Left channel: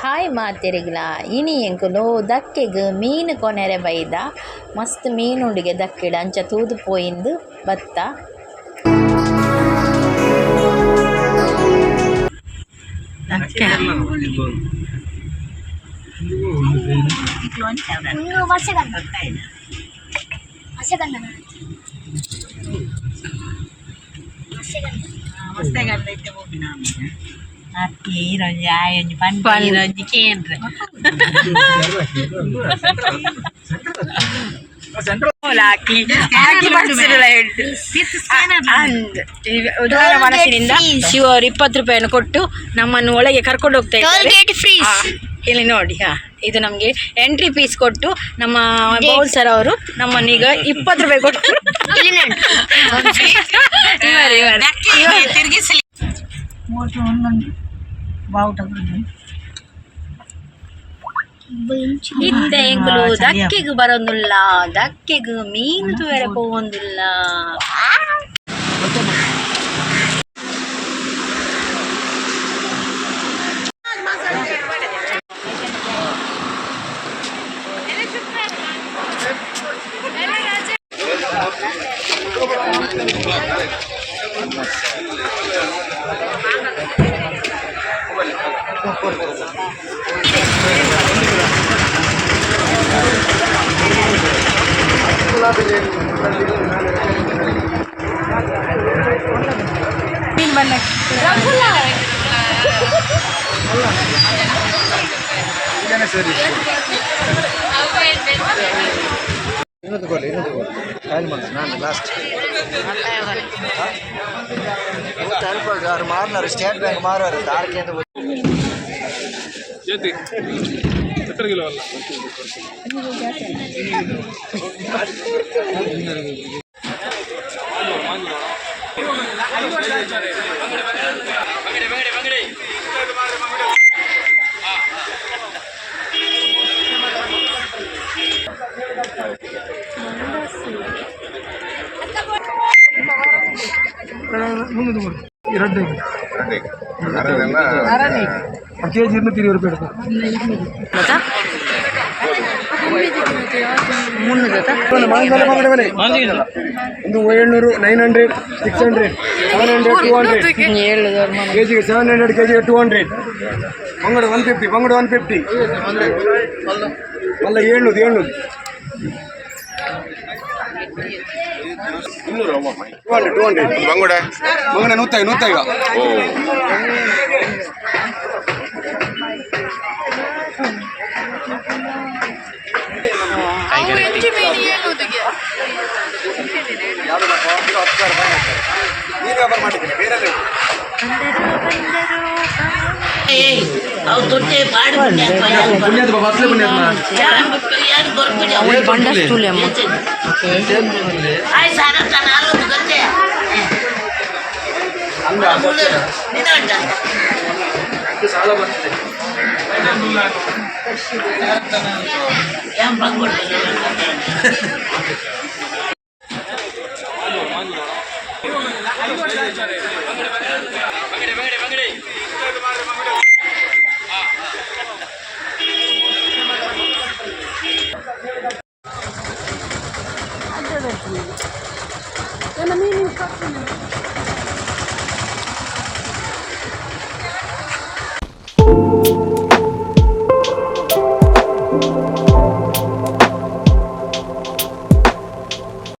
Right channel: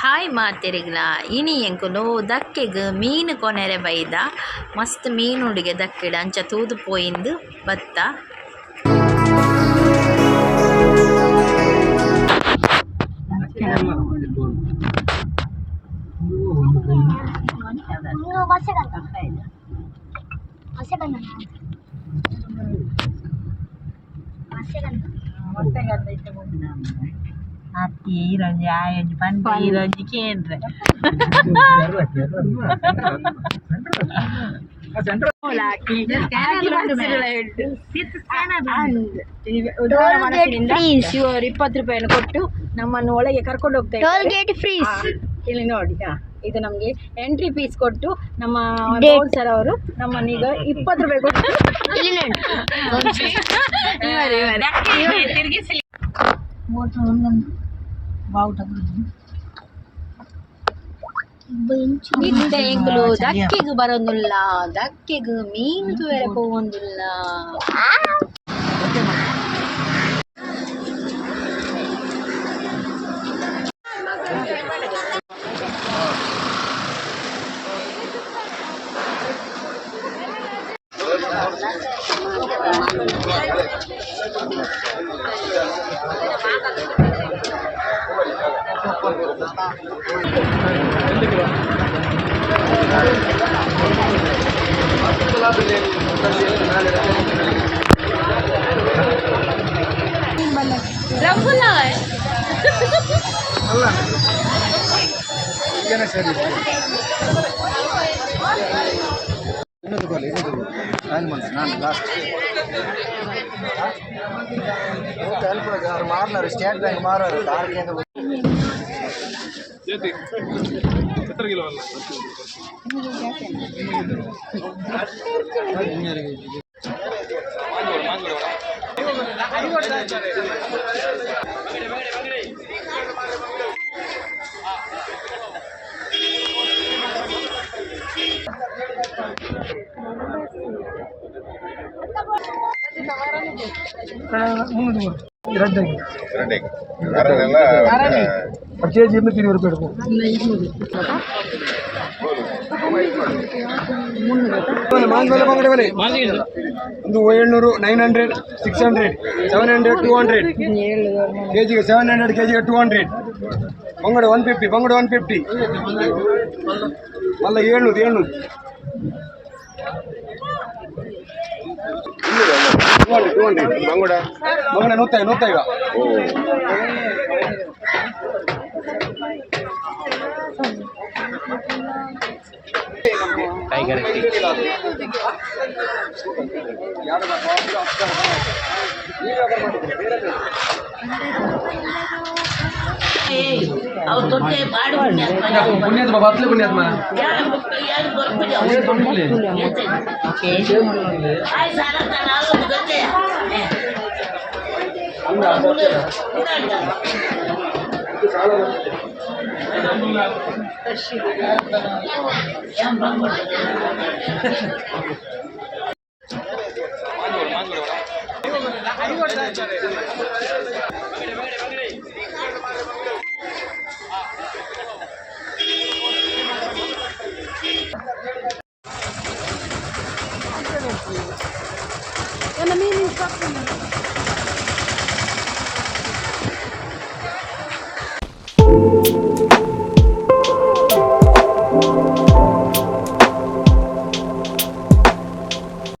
Hi ಮಾತಿರಿಗ್ಲ ಇನಿ ಎಂಕುಲು ದಕ್ಕೆಗ್ ಮೀನು ಕೊನೆರೆ ಬೈದ ಮಸ್ತ್ ಮೀನುಂಡಿಗೆ ದಕ್ಕಿಡ ಅಂಚ ತೂದು ಪೋಯಿಂದು ಬತ್ತ Hati roja yang pan roja kendre. Laki ಉದಾರ ಮನಸ್ಸಿನಿಂದ ಇವರು 20 ರೂಪಾಯಿಯನ್ನು ಕೊಟ್ಟು ನಮ್ಮನ್ನು ಒಳಗೆ ಕರ್ಕೊಂಡು ಹೋಗ್ತಾ ಇದ್ದಾರೆ. ಇಲ್ಲಿ ನೋಡಿ, ಇದು ನಮಗೆ ಎಂಟ್ರಿ ಫೀಸ್ ಕೊಟ್ಟು ನಮ್ಮ ಬೌನ್ಸರ್ ಅವರು ನಮ್ಮನ್ನು ಈಗ 20 ರೂಪಾಯಿ ಕೊಟ್ಟು ತಿರುಗಿಸಲಿ. ಇತ್ತೆ ಎಂಕುಲು ದಕ್ಕೆಗ್ ಬರೋದಿಲ್ಲ, ದಕ್ಕೆಗ್ ಮೀನು ಬೇರೆ ಪೋವೊಂದಿಲ್ಲ. ಮಾರ್ನರು ಸ್ಟೇಟ್ ಬ್ಯಾಂಕ್ ಮಾರೋರು ದಾರ್ಕೆಂದು ಕೆಜಿ 220 ರೂಪಾಯಿ ಒಂದು 700 900 600 700 200 ಕೆಜಿಗೆ 700 ಕೆಜಿಗೆ 200 ಬಂಗಡ 150 ಬಂಗಡ 150 ಅಲ್ಲ 700 ಬಂಗುಡ ಬಂಗಡ 150 ಓ yang bangun